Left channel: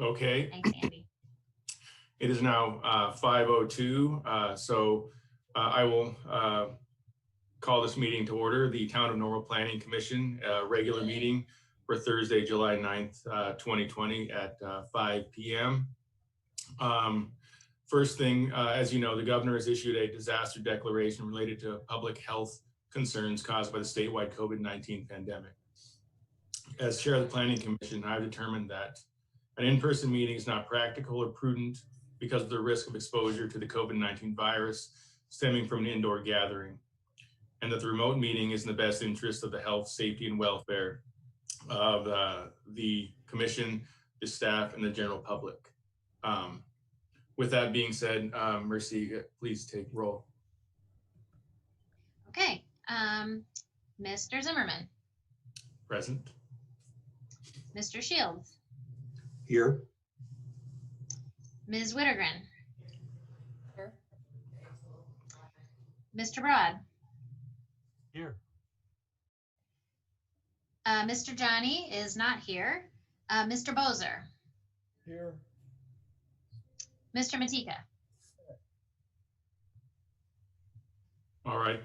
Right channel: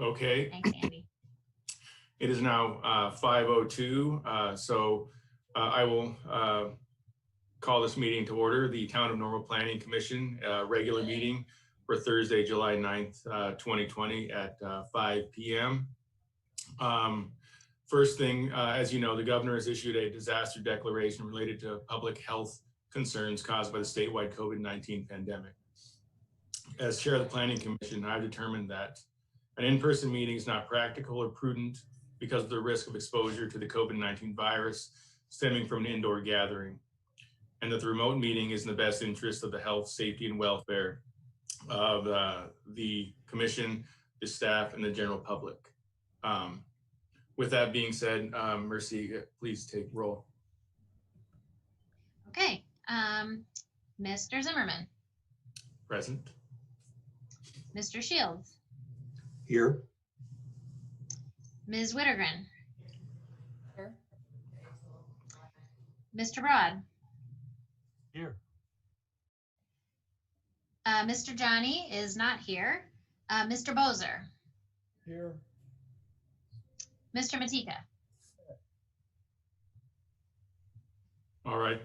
Okay. Thanks, Andy. It is now 5:02, so I will call this meeting to order. The Town of Normal Planning Commission regular meeting for Thursday, July 9th, 2020 at 5 p.m. First thing, as you know, the governor has issued a disaster declaration related to public health concerns caused by the statewide COVID-19 pandemic. As chair of the Planning Commission, I've determined that an in-person meeting is not practical or prudent because of the risk of exposure to the COVID-19 virus stemming from an indoor gathering, and that the remote meeting is in the best interest of the health, safety, and welfare of the commission, the staff, and the general public. With that being said, Merci, please take roll. Okay. Mr. Zimmerman. Present. Mr. Shields. Here. Ms. Wittergren. Here. Mr. Broad. Here. Mr. Johnny is not here. Mr. Bozer. Here. Mr. Matika. All right.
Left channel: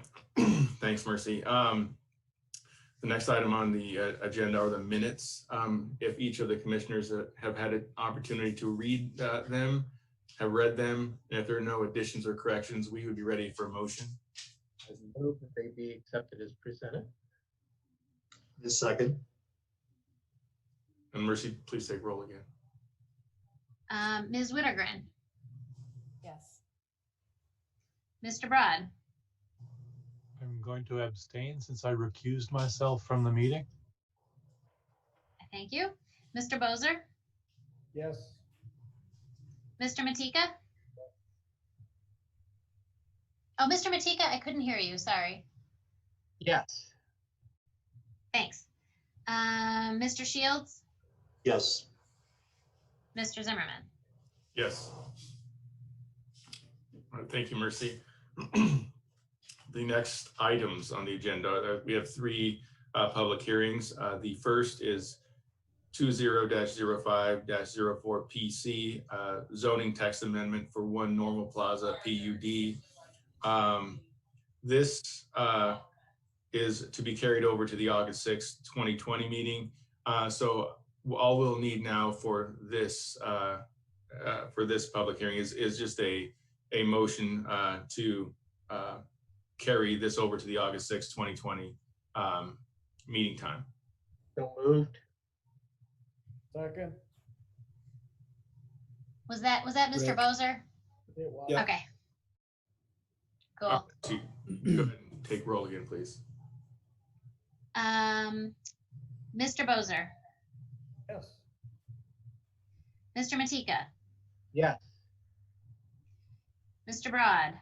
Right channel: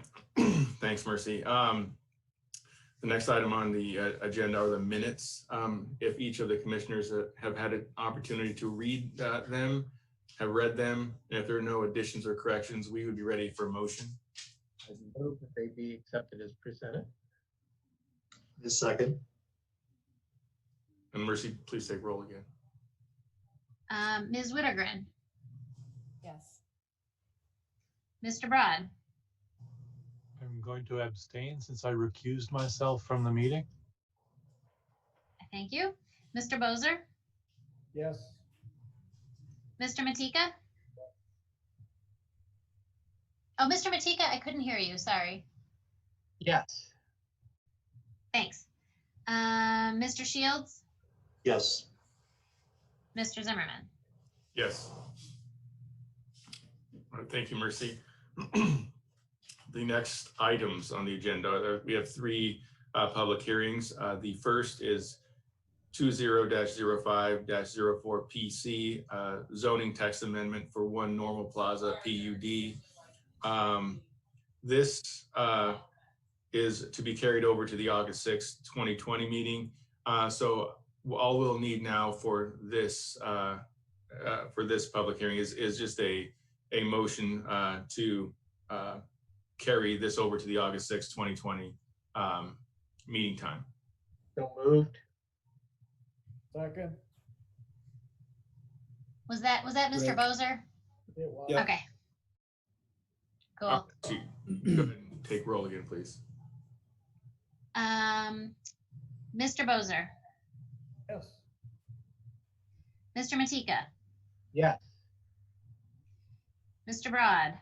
Thanks, Merci. The next item on the agenda are the minutes. If each of the commissioners have had an opportunity to read them, have read them, and if there are no additions or corrections, we would be ready for a motion. I move that they be accepted as presented. The second. And Merci, please take roll again. Ms. Wittergren. Yes. Mr. Broad. I'm going to abstain since I recused myself from the meeting. Thank you. Mr. Bozer. Yes. Mr. Matika. Oh, Mr. Matika, I couldn't hear you. Sorry. Yes. Thanks. Mr. Shields. Yes. Mr. Zimmerman. Yes. All right, thank you, Merci. The next items on the agenda, we have three public hearings. The first is 20-05-04 PC, zoning text amendment for One Normal Plaza PUD. This is to be carried over to the August 6th, 2020 meeting. So all we'll need now for this public hearing is just a motion to carry this over to the August 6th, 2020 meeting time. So moved. Second. Was that Mr. Bozer? Yeah. Okay. Cool. Go ahead and take roll again, please. Mr. Bozer. Yes. Mr. Matika. Yes. Mr. Broad.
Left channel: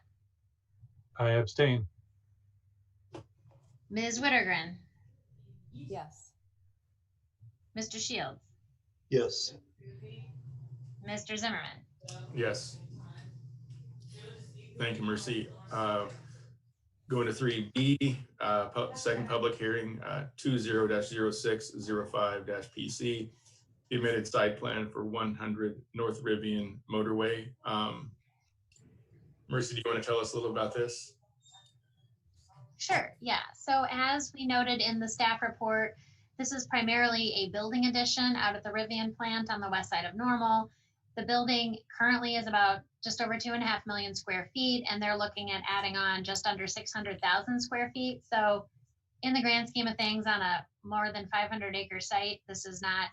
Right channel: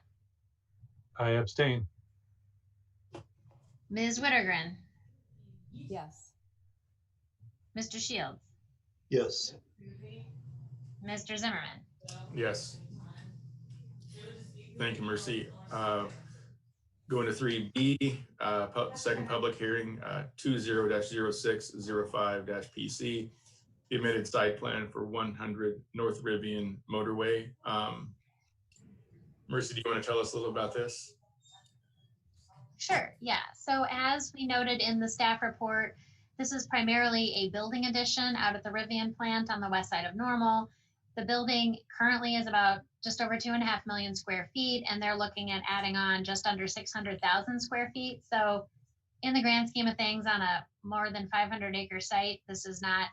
I abstain. Ms. Wittergren. Yes. Mr. Shields. Yes. Mr. Zimmerman. Yes. Thank you, Merci. Going to 3B, second public hearing, 20-06-05-PC, the amended site plan for 100 North Riffian Motorway. Merci, do you want to tell us a little about this? Sure, yeah. So as we noted in the staff report, this is primarily a building addition out at the Riffian plant on the west side of Normal. The building currently is about just over 2.5 million square feet, and they're looking at adding on just under 600,000 square feet. So in the grand scheme of things, on a more than 500-acre site, this is not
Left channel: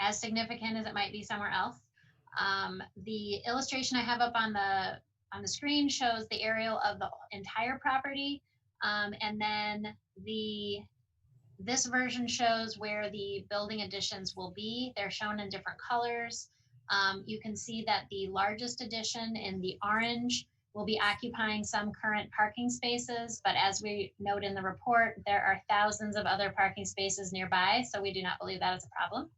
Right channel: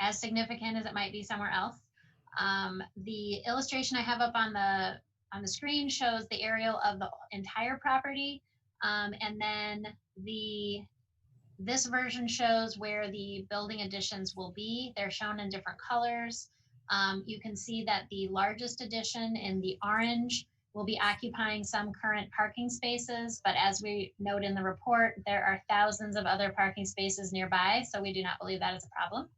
as significant as it might be somewhere else. The illustration I have up on the screen shows the aerial of the entire property, and then this version shows where the building additions will be. They're shown in different colors. You can see that the largest addition in the orange will be occupying some current parking spaces, but as we note in the report, there are thousands of other parking spaces nearby, so we do not believe that is a problem.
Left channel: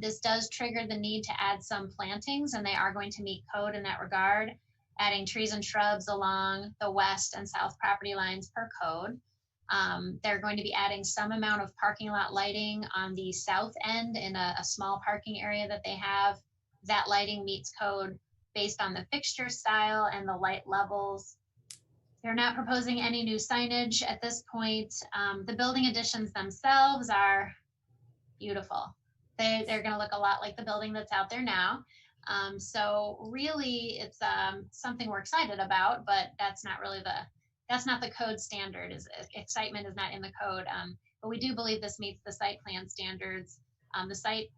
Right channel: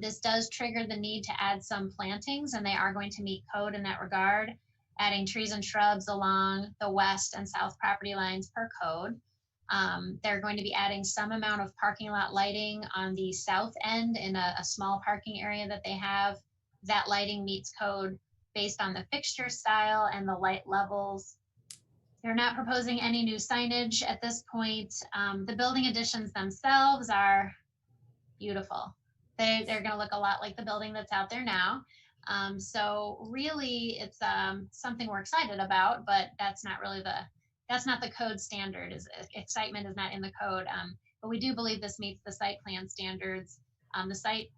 This does trigger the need to add some plantings, and they are going to meet code in that regard, adding trees and shrubs along the west and south property lines per code. They're going to be adding some amount of parking lot lighting on the south end in a small parking area that they have. That lighting meets code based on the fixture style and the light levels. They're not proposing any new signage at this point. The building additions themselves are beautiful. They're going to look a lot like the building that's out there now. So really, it's something we're excited about, but that's not the code standard. Excitement is not in the code. But we do believe this meets the site plan standards. The site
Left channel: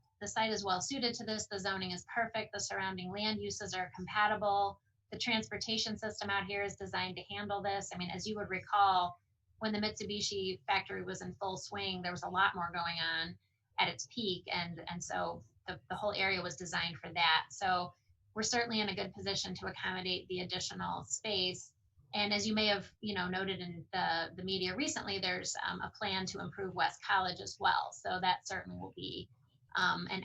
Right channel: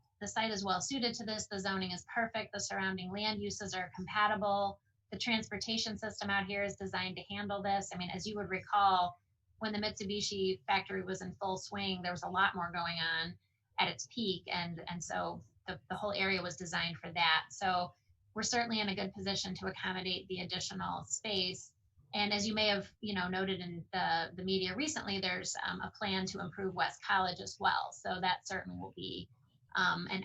is well suited to this. The zoning is perfect. The surrounding land uses are compatible. The transportation system out here is designed to handle this. I mean, as you would recall, when the Mitsubishi factory was in full swing, there was a lot more going on at its peak. And so the whole area was designed for that. So we're certainly in a good position to accommodate the additional space. And as you may have, noted in the media recently, there's a plan to improve West College as well. So that certainly will be an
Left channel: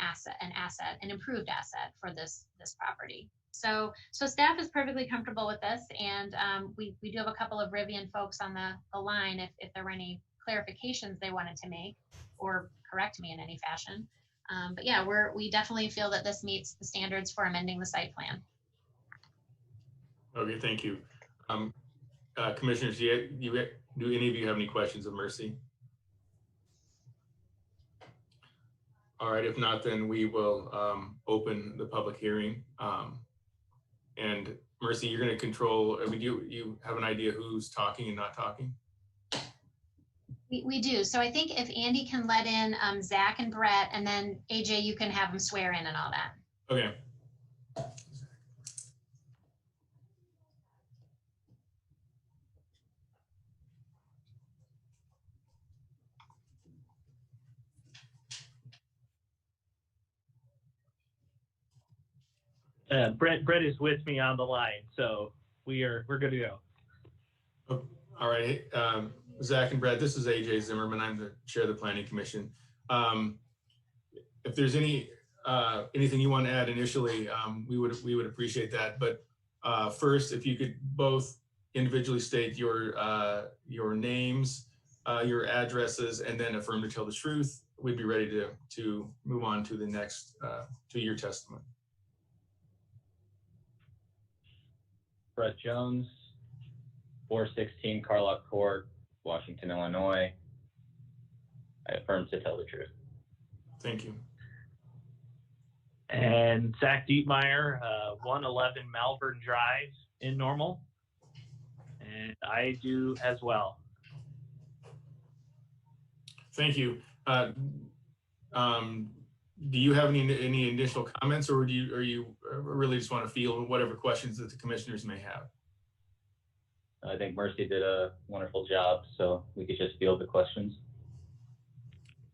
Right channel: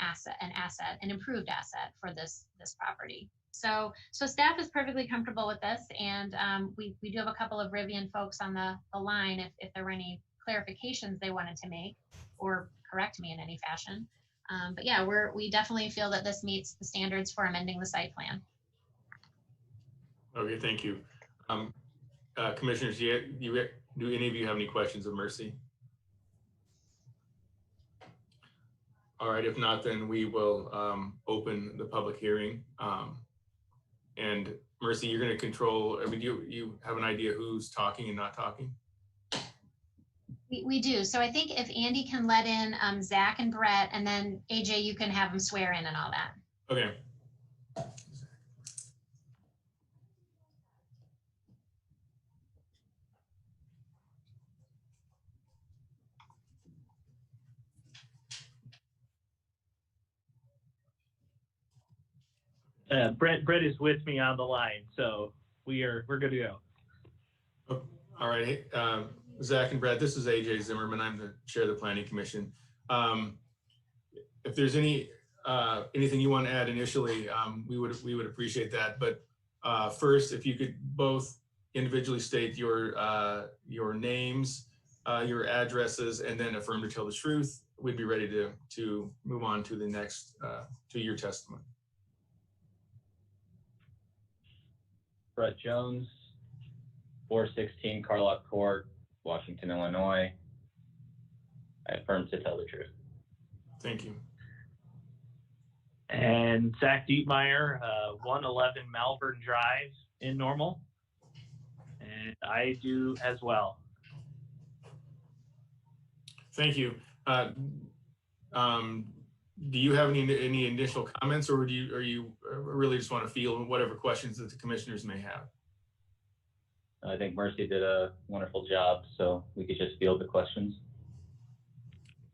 improved asset for this property. So staff is perfectly comfortable with this, and we do have a couple of Riffian folks on the line if there were any clarifications they wanted to make or correct me in any fashion. But yeah, we definitely feel that this meets the standards for amending the site plan. Okay, thank you. Commissioners, do any of you have any questions of Merci? All right, if not, then we will open the public hearing. And Merci, you're going to control, you have an idea who's talking and not talking? We do. So I think if Andy can let in Zach and Brett, and then AJ, you can have them swear in and all that. Okay. Brett is with me on the line, so we're good to go. Oh, all right. Hey, Zach and Brett, this is AJ Zimmerman. I'm the chair of the Planning Commission. If there's anything you want to add initially, we would appreciate that. But first, if you could both individually state your names, your addresses, and then affirm to tell the truth, we'd be ready to move on to the next to your testimony. Brett Jones, 416 Carlock Court, Washington, Illinois. I affirm to tell the truth. Thank you. And Zach Dietmeyer, 111 Malvern Drive in Normal. And I do as well. Thank you. Do you have any additional comments, or are you really just want to field whatever questions that the commissioners may have? I think Merci did a wonderful job, so we could just field the questions.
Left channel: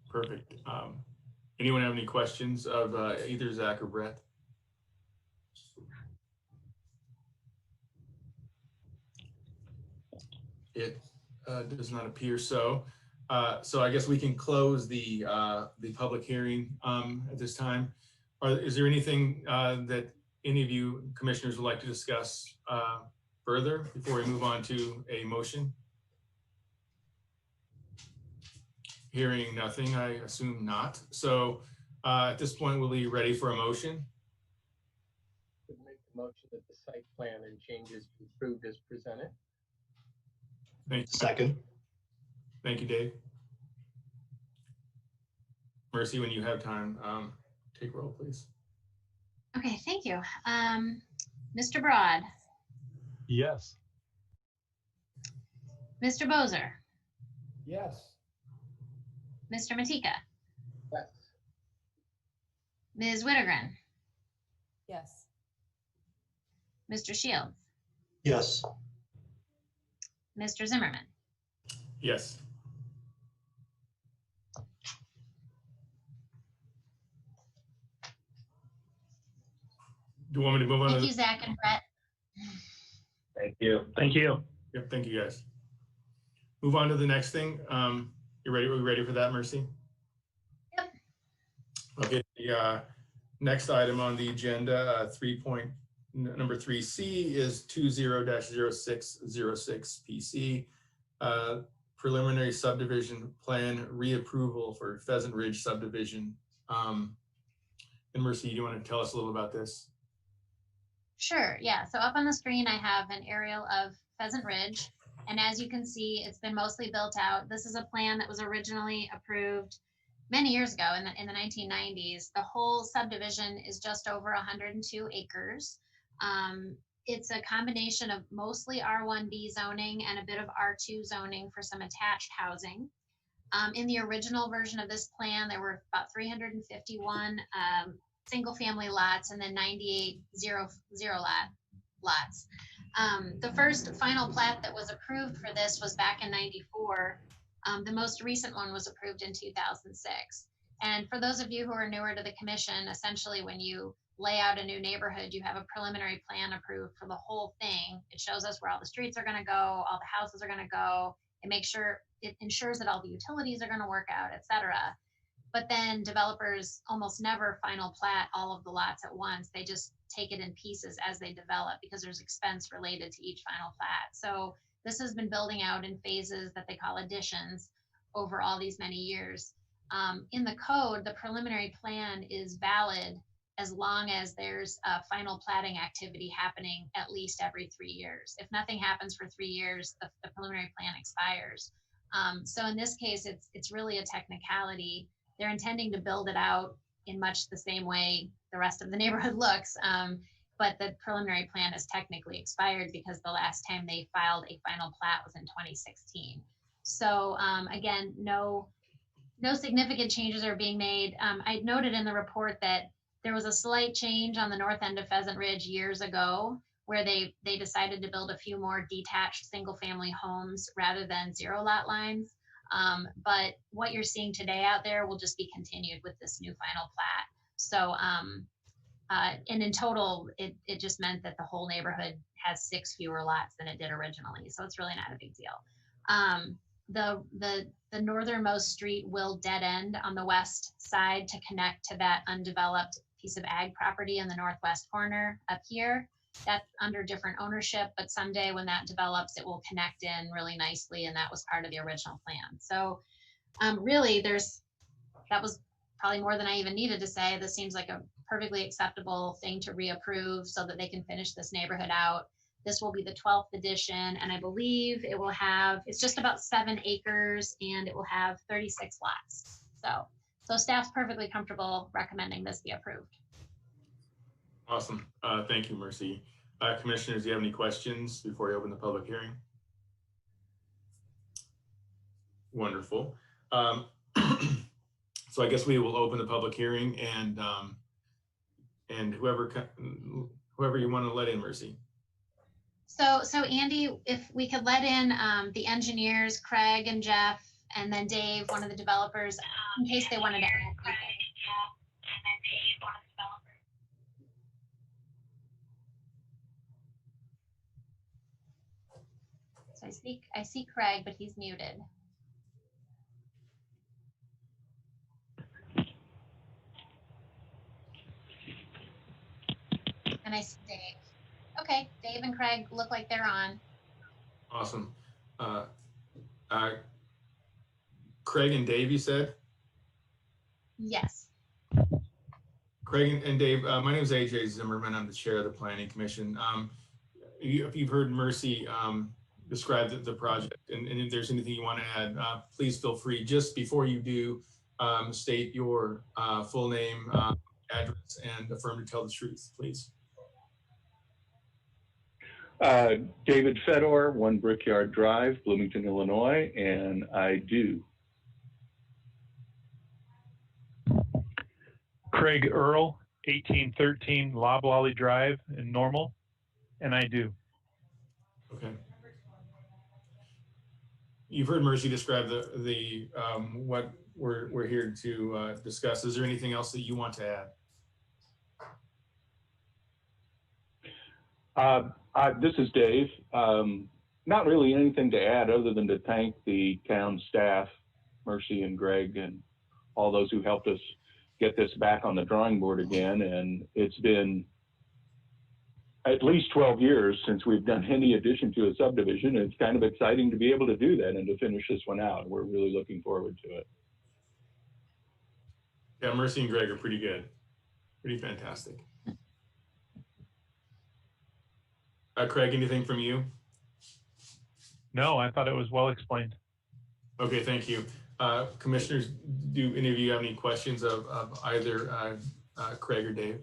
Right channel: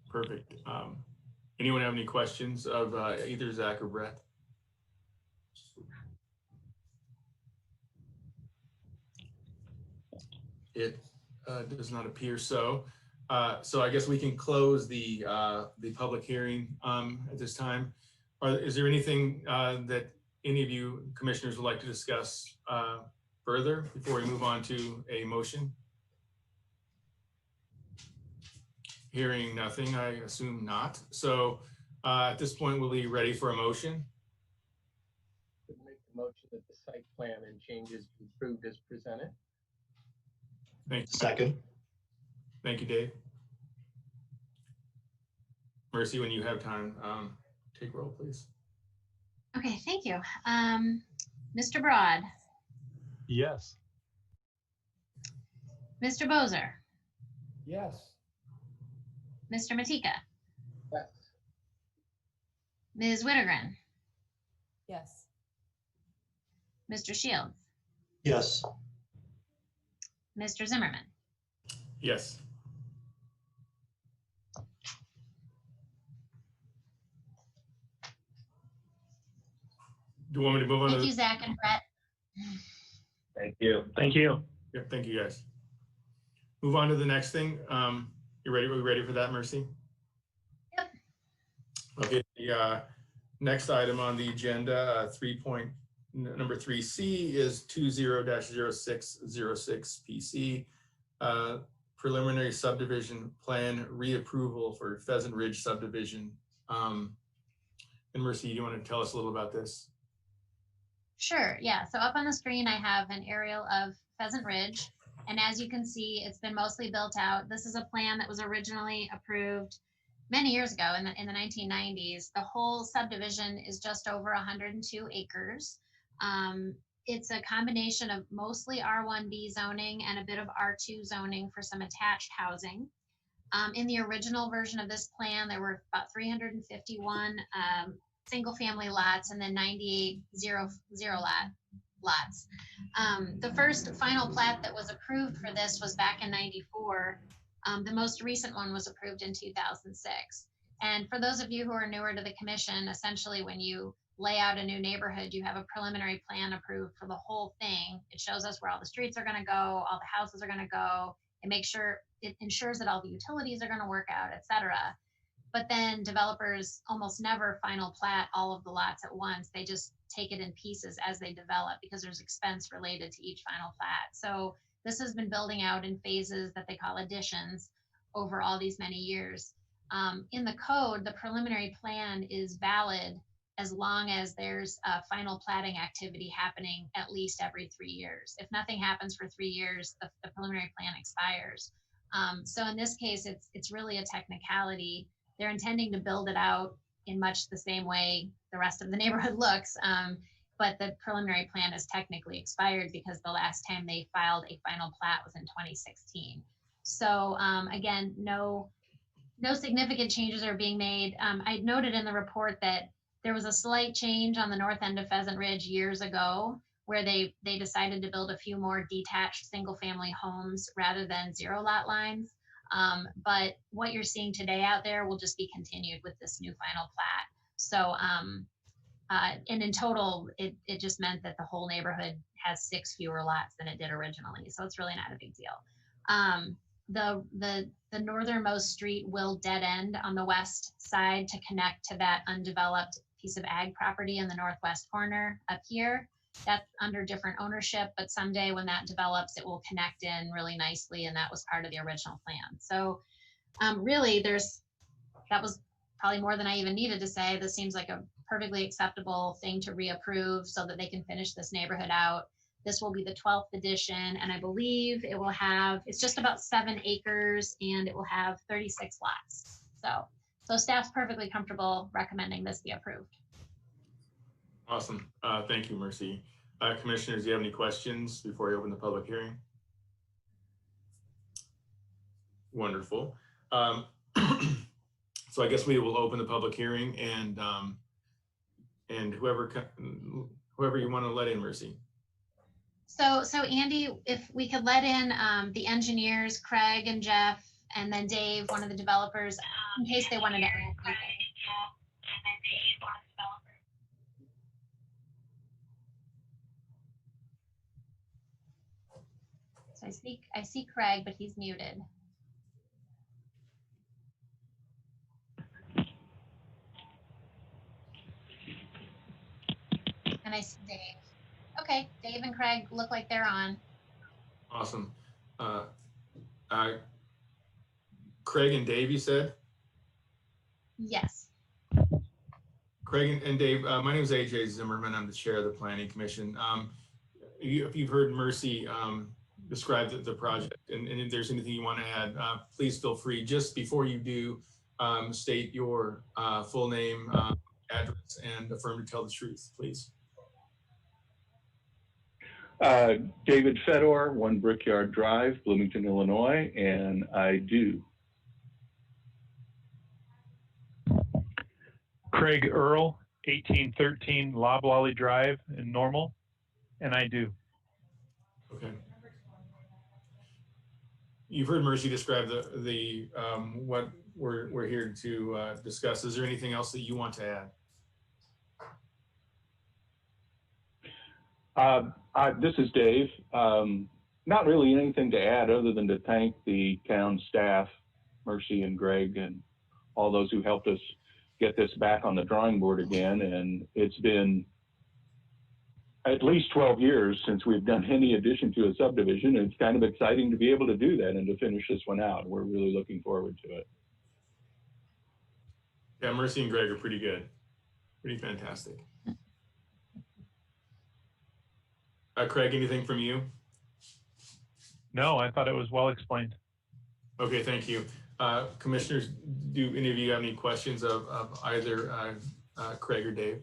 Perfect. Anyone have any questions of either Zach or Brett? It does not appear so. So I guess we can close the public hearing at this time. Is there anything that any of you commissioners would like to discuss further before we move on to a motion? Hearing nothing, I assume not. So at this point, we'll be ready for a motion. Make the motion that the site plan and changes be approved as presented. Thank you. Second. Thank you, Dave. Merci, when you have time, take roll, please. Okay, thank you. Mr. Broad, Yes. Mr. Bozer, Yes. Mr. Matika, Yes. Ms. Wittergren, Yes. Mr. Shields, Yes. Mr. Zimmerman. Yes. Do you want me to move on? Thank you, Zach and Brett. Thank you. Thank you. Yep, thank you, guys. Move on to the next thing. You ready? Are we ready for that, Merci? Yep. Okay. The next item on the agenda, number 3C, is 20-0606 PC. preliminary subdivision plan reapproval for Pheasant Ridge subdivision. And Merci, you want to tell us a little about this? Sure, yeah. So up on the screen, I have an aerial of Pheasant Ridge. And as you can see, it's been mostly built out. This is a plan that was originally approved many years ago in the 1990s. The whole subdivision is just over 102 acres. It's a combination of mostly R1B zoning and a bit of R2 zoning for some attached housing. In the original version of this plan, there were about 351 single family lots and then 98 zero lots. The first final plat that was approved for this was back in 94. The most recent one was approved in 2006. And for those of you who are newer to the commission, essentially when you lay out a new neighborhood, you have a preliminary plan approved for the whole thing. It shows us where all the streets are going to go, all the houses are going to go. It ensures that all the utilities are going to work out, et cetera. But then developers almost never final plat all of the lots at once. They just take it in pieces as they develop because there's expense related to each final plat. So this has been building out in phases that they call additions over all these many years. In the code, the preliminary plan is valid as long as there's a final platting activity happening at least every 3 years. If nothing happens for 3 years, the preliminary plan expires. So in this case, it's really a technicality. They're intending to build it out in much the same way the rest of the neighborhood looks, but the preliminary plan is technically expired because the last time they filed a final plat was in 2016. So again, no significant changes are being made. I noted in the report that there was a slight change on the north end of Pheasant Ridge years ago where they decided to build a few more detached single family homes rather than zero lot lines. But what you're seeing today out there will just be continued with this new final plat. So, and in total, it just meant that the whole neighborhood has 6 fewer lots than it did originally. So it's really not a big deal. The northernmost street will dead end on the west side to connect to that undeveloped piece of ag property in the northwest corner up here. That's under different ownership, but someday when that develops, it will connect in really nicely, and that was part of the original plan. So really, that was probably more than I even needed to say. This seems like a perfectly acceptable thing to reapprove so that they can finish this neighborhood out. This will be the 12th edition, and I believe it's just about 7 acres, and it will have 36 lots. So staff's perfectly comfortable recommending this be approved. Awesome. Thank you, Merci. Commissioners, do you have any questions before we open the public hearing? Wonderful. So I guess we will open the public hearing, and whoever you want to let in, Merci. So Andy, if we could let in the engineers, Craig and Jeff, and then Dave, one of the developers, in case they wanted to add anything. So I see Craig, but he's muted. And I see Dave. Okay, Dave and Craig look like they're on. Awesome. Craig and Dave, you said? Yes. Craig and Dave, my name is AJ Zimmerman. I'm the chair of the Planning Commission. If you've heard Merci describe the project, and if there's anything you want to add, please feel free. Just before you do, state your full name, address, and affirm to tell the truth, please. David Fedor, 1 Brickyard Drive, Bloomington, Illinois, and I do. Craig Earl, 1813 Loblolly Drive in Normal, and I do. Okay. You've heard Merci describe the what we're here to discuss. Is there anything else that you want to add? This is Dave. Not really anything to add other than to thank the town staff, Merci and Greg, and all those who helped us get this back on the drawing board again. And it's been at least 12 years since we've done any addition to a subdivision. It's kind of exciting to be able to do that and to finish this one out. We're really looking forward to it. Yeah, Merci and Greg are pretty good. Pretty fantastic. Craig, anything from you? No, I thought it was well explained. Okay, thank you. Commissioners, do any of you have any questions of either Craig or Dave?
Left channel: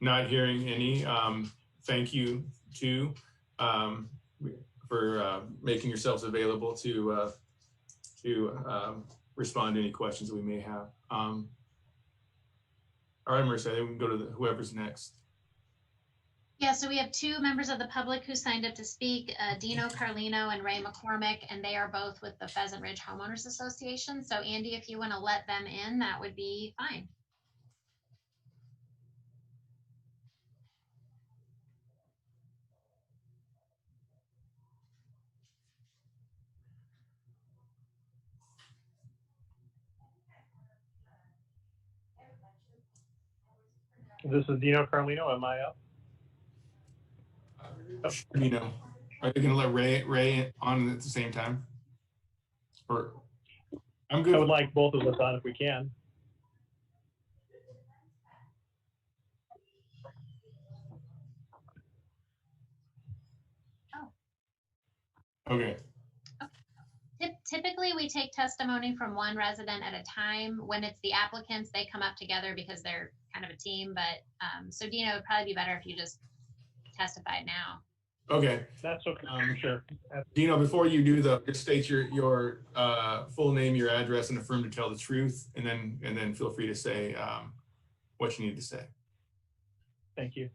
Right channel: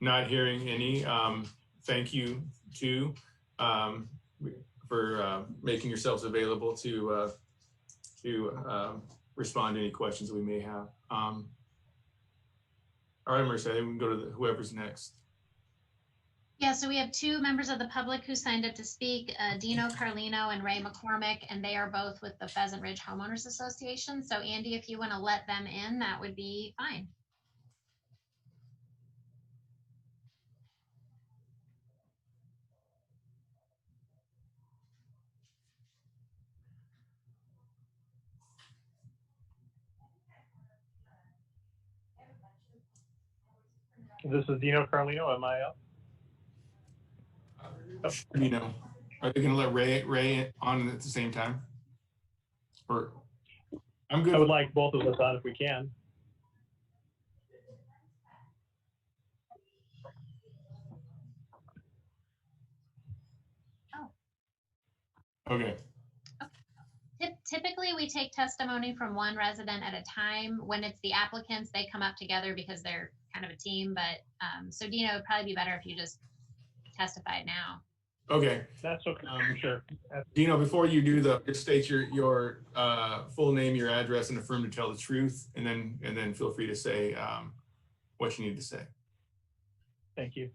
Not hearing any. Thank you too for making yourselves available to respond to any questions that we may have. All right, Merci, I think we can go to whoever's next. Yeah, so we have two members of the public who signed up to speak, Dino Carlino and Ray McCormick, and they are both with the Pheasant Ridge Homeowners Association. So Andy, if you want to let them in, that would be fine. This is Dino Carlino. Am I up? You know, are they going to let Ray on at the same time? Or I'm good. I would like both of us on if we can. Okay. Typically, we take testimony from one resident at a time. When it's the applicants, they come up together because they're kind of a team. But so Dino, it'd probably be better if you just testified now. Okay. That's okay. Sure. Dino, before you do just state your full name, your address, and affirm to tell the truth, and then feel free to say what you need to say. Thank you.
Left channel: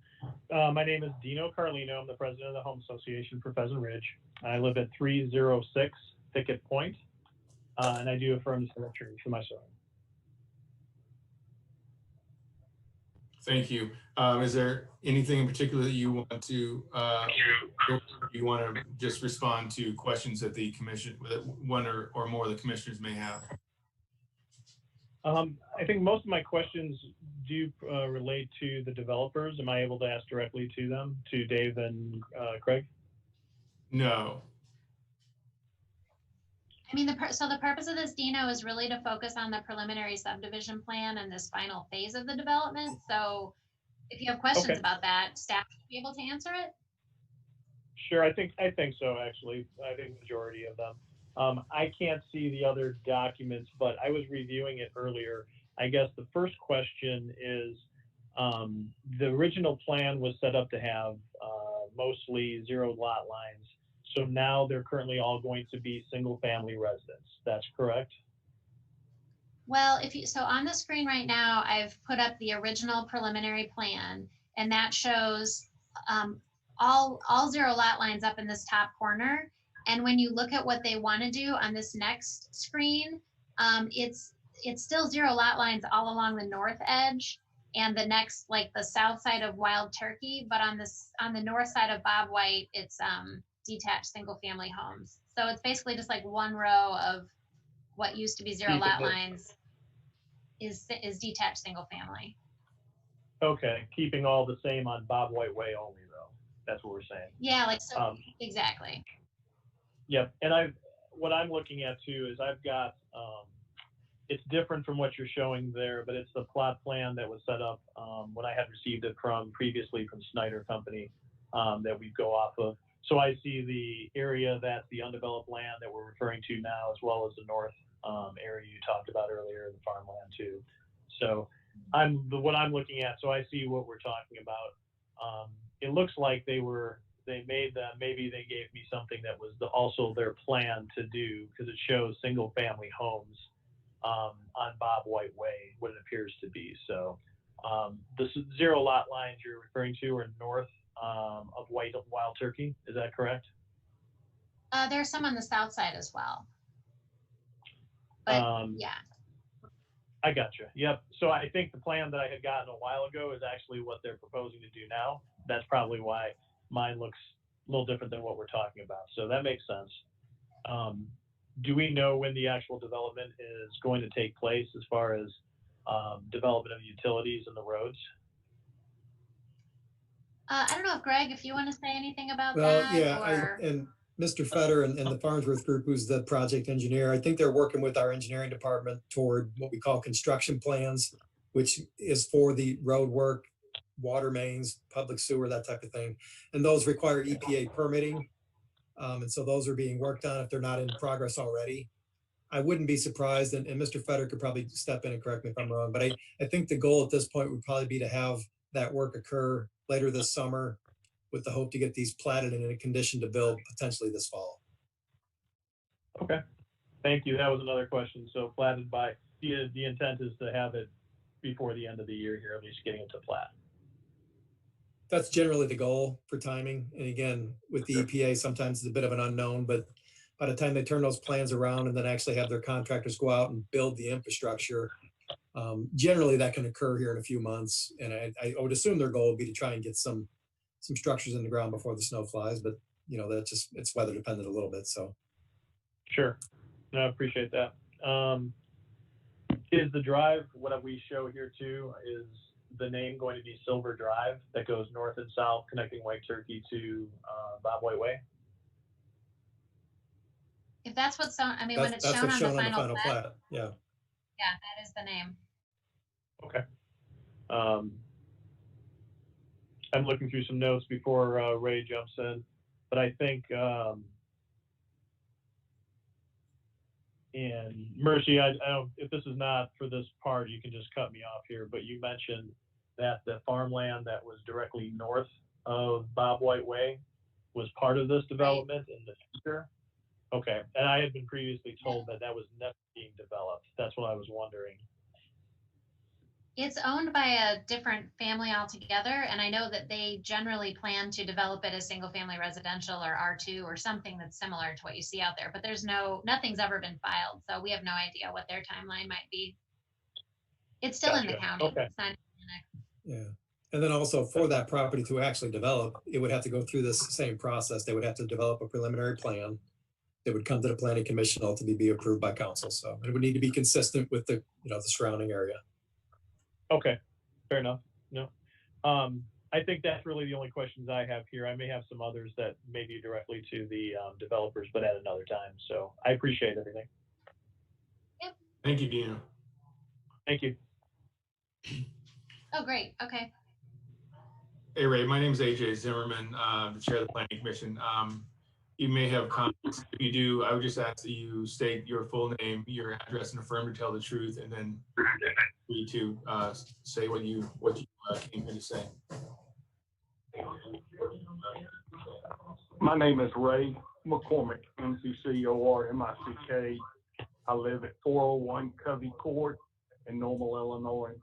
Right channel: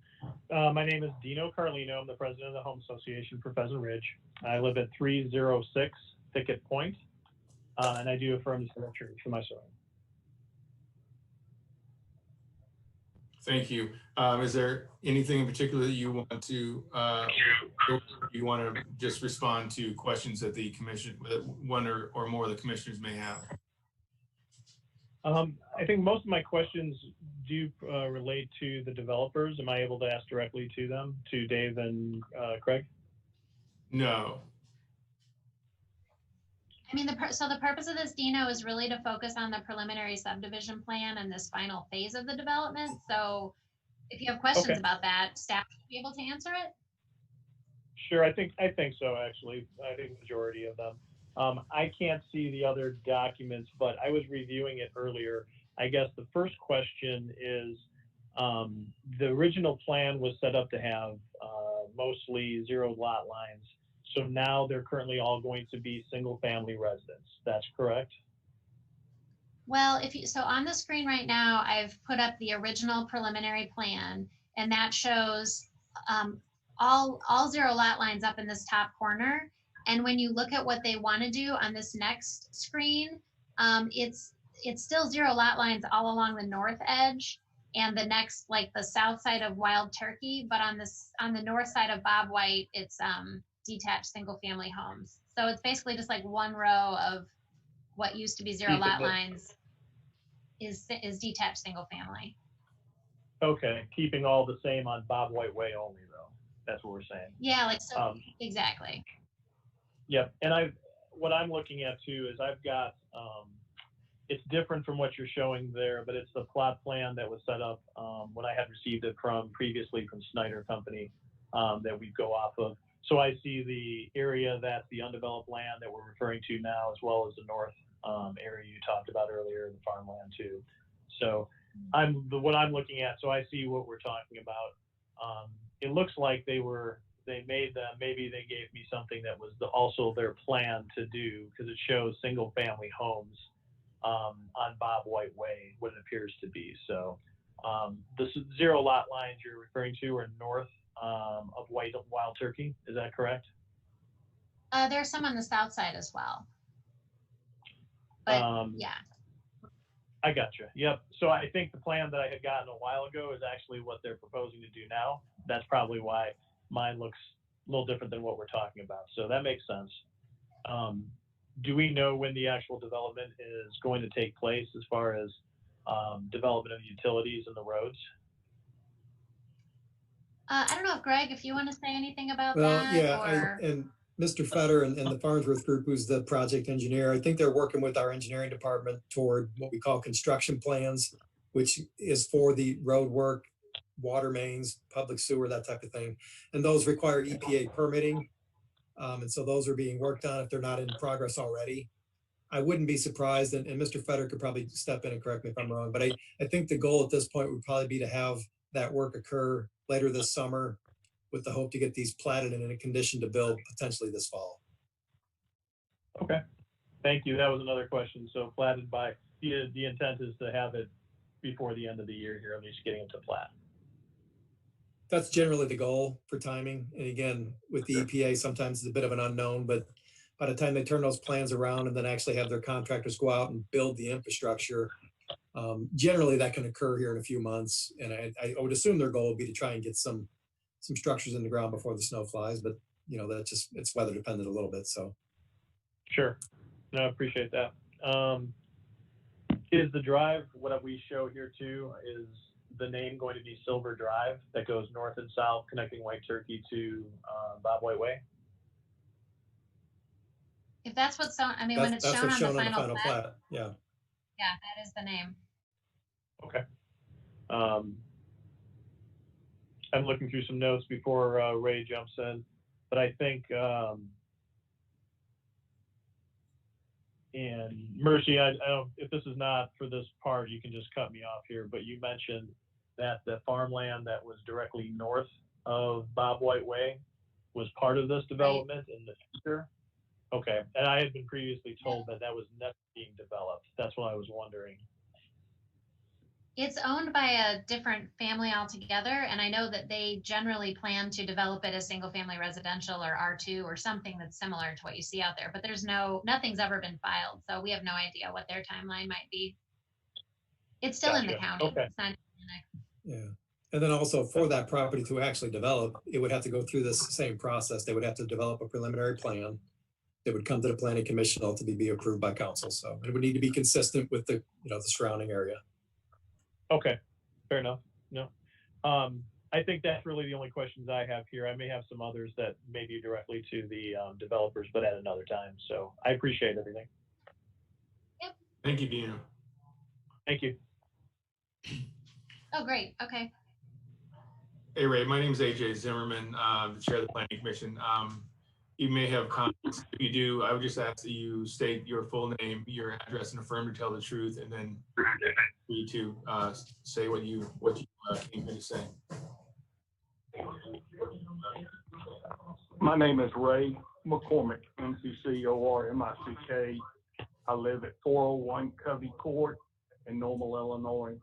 My name is Dino Carlino. I'm the president of the Home Association for Pheasant Ridge. I live at 306 Thicket Point, and I do affirm to tell the truth for my son. Thank you. Is there anything in particular that you want to just respond to questions that the commission, one or more of the commissioners may have? I think most of my questions do relate to the developers. Am I able to ask directly to them, to Dave and Craig? No. I mean, so the purpose of this, Dino, is really to focus on the preliminary subdivision plan and this final phase of the development. So if you have questions about that, staff should be able to answer it. Sure, I think so, actually. I think the majority of them. I can't see the other documents, but I was reviewing it earlier. I guess the first question is, the original plan was set up to have mostly 0 lot lines. So now they're currently all going to be single family residents. That's correct? Well, so on the screen right now, I've put up the original preliminary plan, and that shows all 0 lot lines up in this top corner. And when you look at what they want to do on this next screen, it's still 0 lot lines all along the north edge and the next, like the south side of Wild Turkey, but on the north side of Bob White, it's detached single family homes. So it's basically just like one row of what used to be 0 lot lines is detached single family. Okay, keeping all the same on Bob White Way only, though. That's what we're saying. Yeah, like so. Exactly. Yep, and what I'm looking at too is I've got it's different from what you're showing there, but it's the plot plan that was set up when I had received it previously from Snyder Company that we go off of. So I see the area that's the undeveloped land that we're referring to now, as well as the north area you talked about earlier, the farmland too. So what I'm looking at, so I see what we're talking about. It looks like they made them, maybe they gave me something that was also their plan to do, because it shows single family homes on Bob White Way, what it appears to be. So the 0 lot lines you're referring to are north of Wild Turkey. Is that correct? There's some on the south side as well. But yeah. I gotcha. Yep. So I think the plan that I had gotten a while ago is actually what they're proposing to do now. That's probably why mine looks a little different than what we're talking about. So that makes sense. Do we know when the actual development is going to take place, as far as development of the utilities and the roads. I don't know if Greg, if you want to say anything about Well, that, yeah, or and Mr. Fetter and the Farnsworth Group, who's the project engineer, I think they're working with our engineering department toward what we call construction plans, which is for the road work, water mains, public sewer, that type of thing. And those require EPA permitting. And so those are being worked on if they're not in progress already. I wouldn't be surprised, and Mr. Fetter could probably step in and correct me if I'm wrong, but I think the goal at this point would probably be to have that work occur later this summer with the hope to get these platted and in a condition to build potentially this fall. Okay, thank you. That was another question. So platted by, the intent is to have it before the end of the year here, at least getting it to plat. That's generally the goal for timing. And again, with the EPA, sometimes it's a bit of an unknown, but by the time they turn those plans around and then actually have their contractors go out and build the infrastructure, generally that can occur here in a few months. And I would assume their goal would be to try and get some structures in the ground before the snow flies, but you know, that just, it's weather dependent a little bit. So. Sure. No, I appreciate that. Is the drive, what we show here too, is the name going to be Silver Drive that goes north and south connecting White Turkey to Bob White Way? if that's what's on, I mean, when it's shown on the final plat, yeah. yeah, that is the name. Okay. I'm looking through some notes before Ray jumps in, but I think, and Merci, I don't, if this is not for this part, you can just cut me off here, but you mentioned that the farmland that was directly north of Bob White Way was part of this development in the future. Okay, and I had been previously told that that was never being developed. That's what I was wondering. It's owned by a different family altogether, and I know that they generally plan to develop it as single family residential or R2 or something that's similar to what you see out there, but there's nothing's ever been filed, so we have no idea what their timeline might be. It's still in the county. Okay. It's not Yeah. And then also for that property to actually develop, it would have to go through this same process. They would have to develop a preliminary plan. It would come to the planning commission, ultimately be approved by council. So it would need to be consistent with the, you know, the surrounding area. Okay, fair enough. No, I think that's really the only questions I have here. I may have some others that may be directly to the developers, but at another time. So I appreciate everything. Yep. Thank you, Dino. Thank you. Oh, great. Okay. Hey, Ray, my name is AJ Zimmerman, the chair of the Planning Commission. You may have comments. If you do, I would just ask that you state your full name, your address, and affirm to tell the truth, and then for you to say what you came here to say. My name is Ray McCormick, McCormick. I live at 401 Covey Court in Normal, Illinois.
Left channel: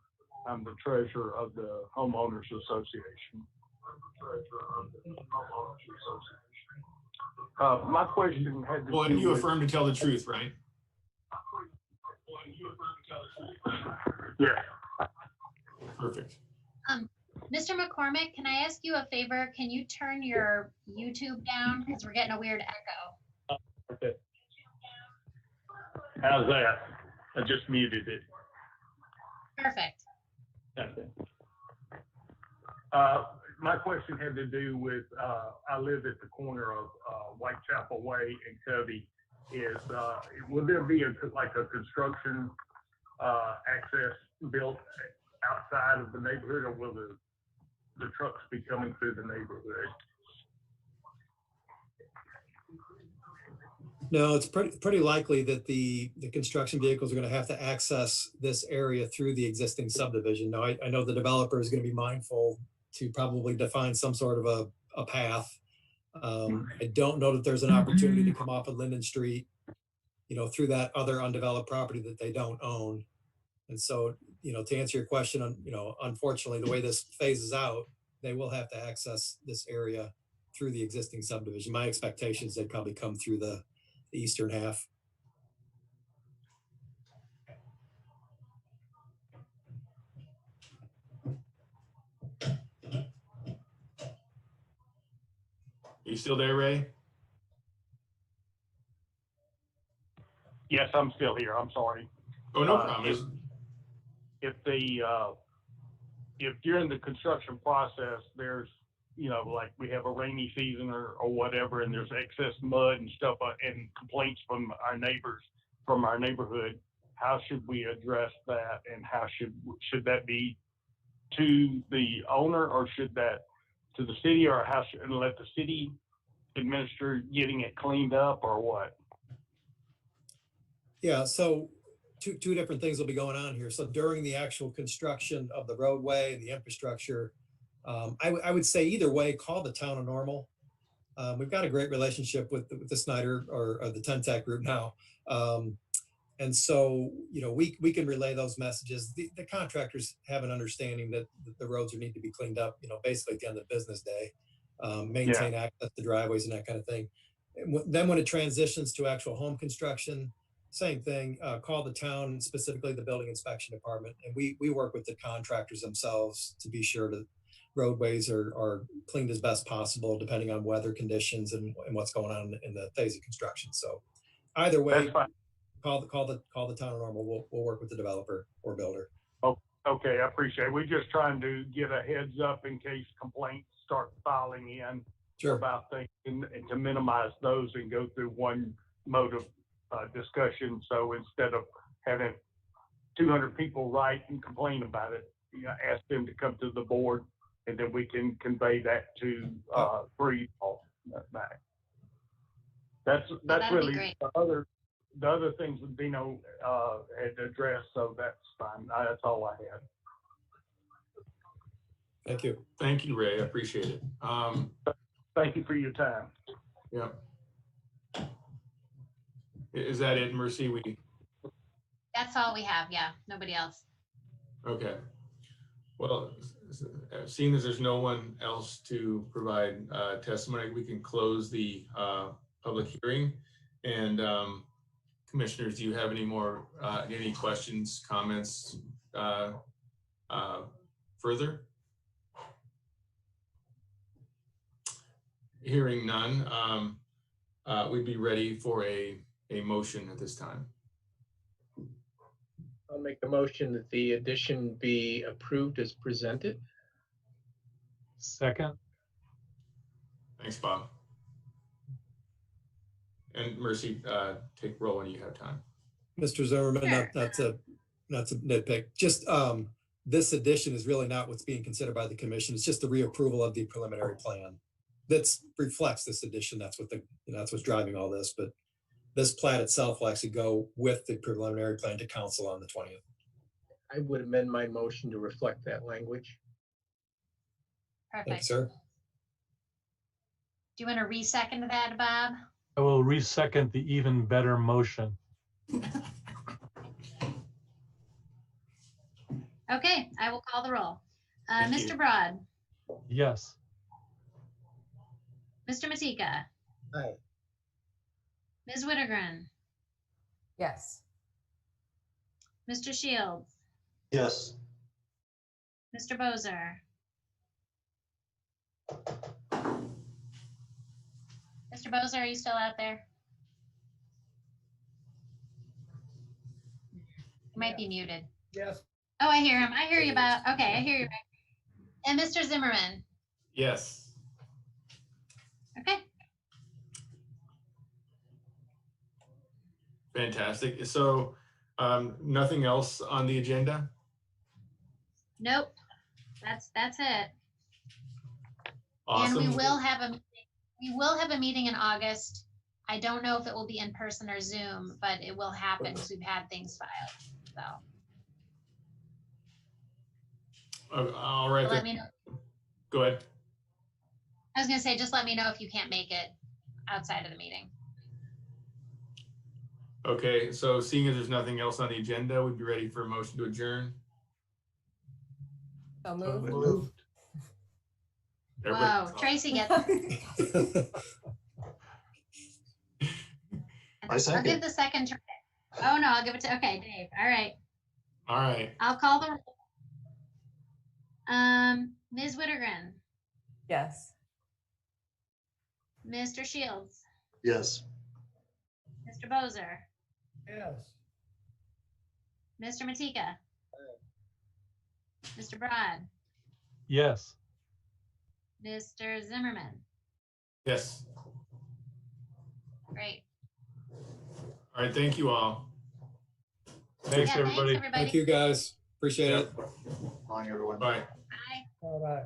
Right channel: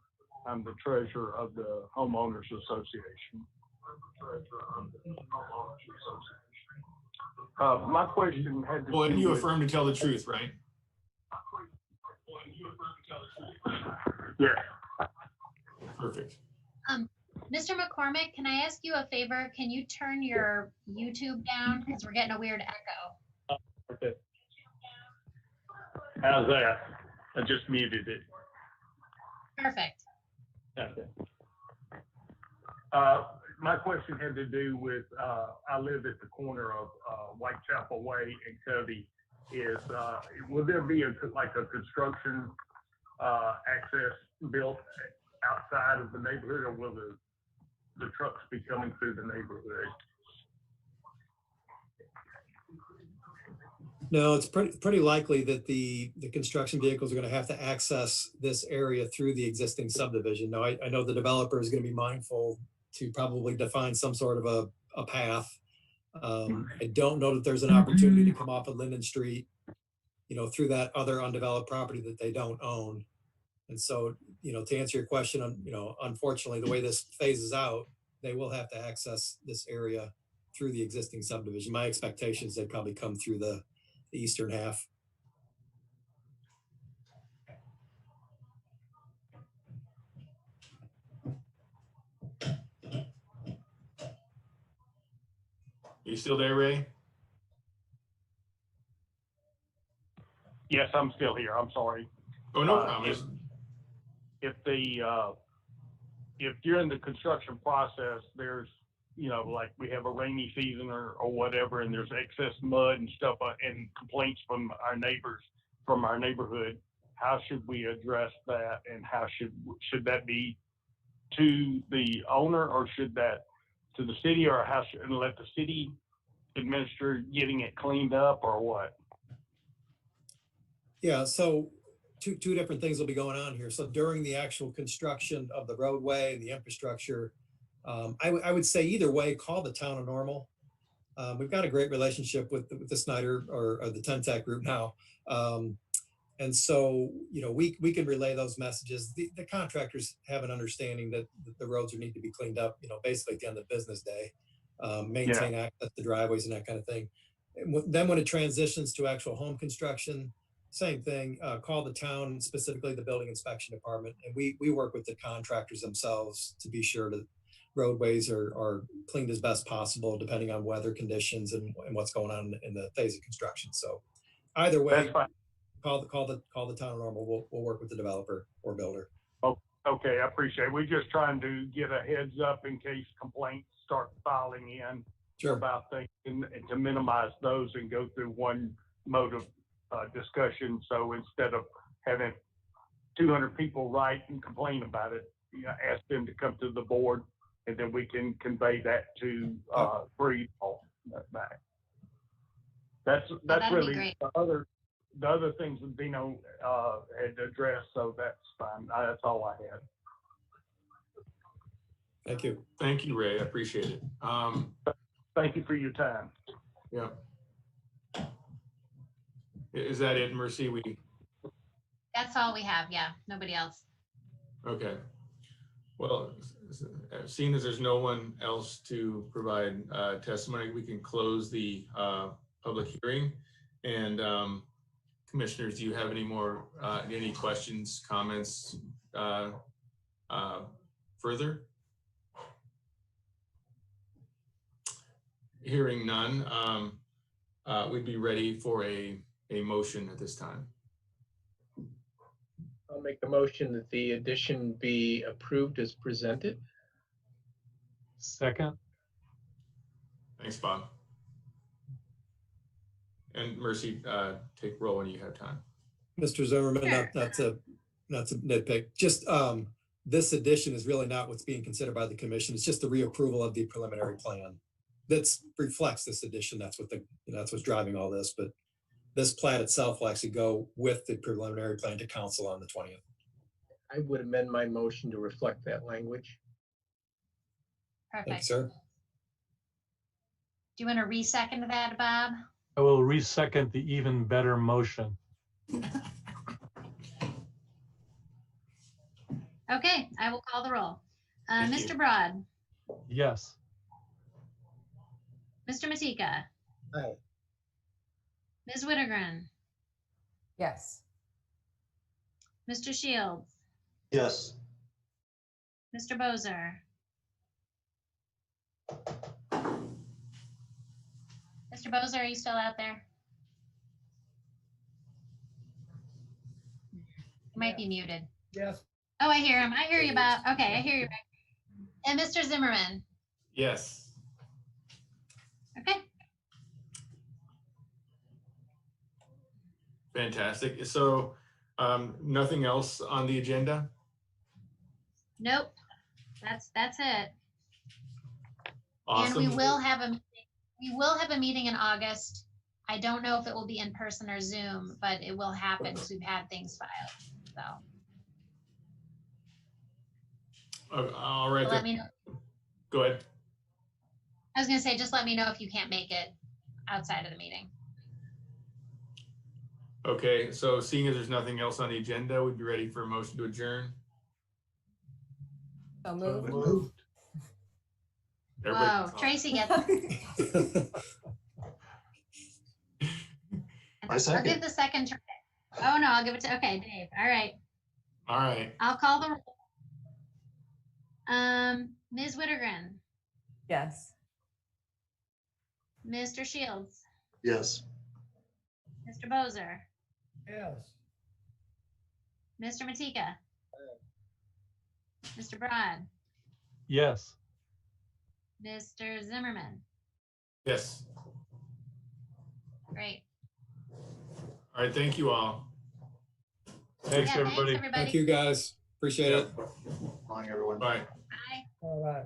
I'm the treasurer of the Homeowners Association. My question had to Well, do and you with, affirm to tell the truth, right? yeah. Perfect. Mr. McCormick, can I ask you a favor? Can you turn your YouTube down? Because we're getting a weird echo. Okay. How's that? I just muted it. Perfect. Okay. My question had to do with, I live at the corner of Whitechapel Way and Covey. Will there be like a construction access built outside of the neighborhood, or will the trucks be coming through the neighborhood? No, it's pretty likely that the construction vehicles are going to have to access this area through the existing subdivision. Now, I know the developer is going to be mindful to probably define some sort of a path. I don't know that there's an opportunity to come off of Linden Street, you know, through that other undeveloped property that they don't own. And so, you know, to answer your question, you know, unfortunately, the way this phases out, they will have to access this area through the existing subdivision. My expectation is they probably come through the eastern half. Are you still there, Ray? Yes, I'm still here. I'm sorry. Oh, no problem. if if during the construction process, there's, like we have a rainy season or whatever, and there's excess mud and stuff and complaints from our neighbors, from our neighborhood, how should we address that? And how should that be to the owner, or should that to the city, or how should, and let the city administer getting it cleaned up, or what? Yeah, so two different things will be going on here. So during the actual construction of the roadway and the infrastructure, I would say either way, call the town of Normal. We've got a great relationship with the Snyder or the Tentec group now. And so, we can relay those messages. The contractors have an understanding that the roads need to be cleaned up, basically at the end of the business day, maintain access to driveways and that kind of thing. And then when it transitions to actual home construction, same thing, call the town, specifically the building inspection department. And we work with the contractors themselves to be sure that roadways are cleaned as best possible, depending on weather conditions and what's going on in the phase of construction. So either way, That's fine. call the town of Normal. We'll work with the developer or builder. Oh, okay, I appreciate it. We're just trying to get a heads up in case complaints start filing in about things, and to minimize those and go through one mode of discussion. So instead of having 200 people write and complain about it, ask them to come to the board, and then we can convey that to free all back. That's really the other things that Dino had addressed, so that's fine. That's all I had. Thank you. Thank you, Ray. I appreciate it. Thank you for your time. Yeah. Is that it, Merci? That's all we have. Yeah, nobody else. Okay. Well, seeing as there's no one else to provide testimony, we can close the public hearing. And commissioners, do you have any questions, comments further? Hearing none, we'd be ready for a motion at this time. I'll make a motion that the addition be approved as presented. Second. Thanks, Bob. And Merci, take roll when you have time. Mr. Zimmerman, not to nitpick, just this addition is really not what's being considered by the commission. It's just the reapproval of the preliminary plan that reflects this addition. That's what's driving all this. But this plat itself will actually go with the preliminary plan to council on the 20th. I would amend my motion to reflect that language. Perfect. Thank you, sir. Do you want to re-second that, Bob? I will re-second the even better motion. Okay, I will call the roll. Thank Mr. you. Broad, Yes. Mr. Matika, Aye. Ms. Wittergren, Yes. Mr. Shields, Yes. Mr. Bozer, Mr. Bozer, are you still out there? You might be muted. Yes. Oh, I hear him. I hear you, Bob. Okay, I hear you. And Mr. Zimmerman. Yes. Okay. Fantastic. So nothing else on the agenda? Nope. That's it. Awesome. And we will have a meeting in August. I don't know if it will be in person or Zoom, but it will happen because we've had things filed. So all right. let me know. Go ahead. I was gonna say, just let me know if you can't make it outside of the meeting. Okay, so seeing as there's nothing else on the agenda, we'd be ready for a motion to adjourn. So moved. Moved. Whoa, Tracy gets. I I'll give second. the second try. Oh no, I'll give it to Dave. All right. All right. I'll call the roll. Ms. Wittergren, Yes. Mr. Shields, Yes. Mr. Bozer, Yes. Mr. Matika, Mr. Broad, Yes. Mr. Zimmerman. Yes. Great. All right, thank you all. Thanks, Yeah, everybody. Thanks, everybody. Thank you, guys. Appreciate it. Bye. Bye. All right.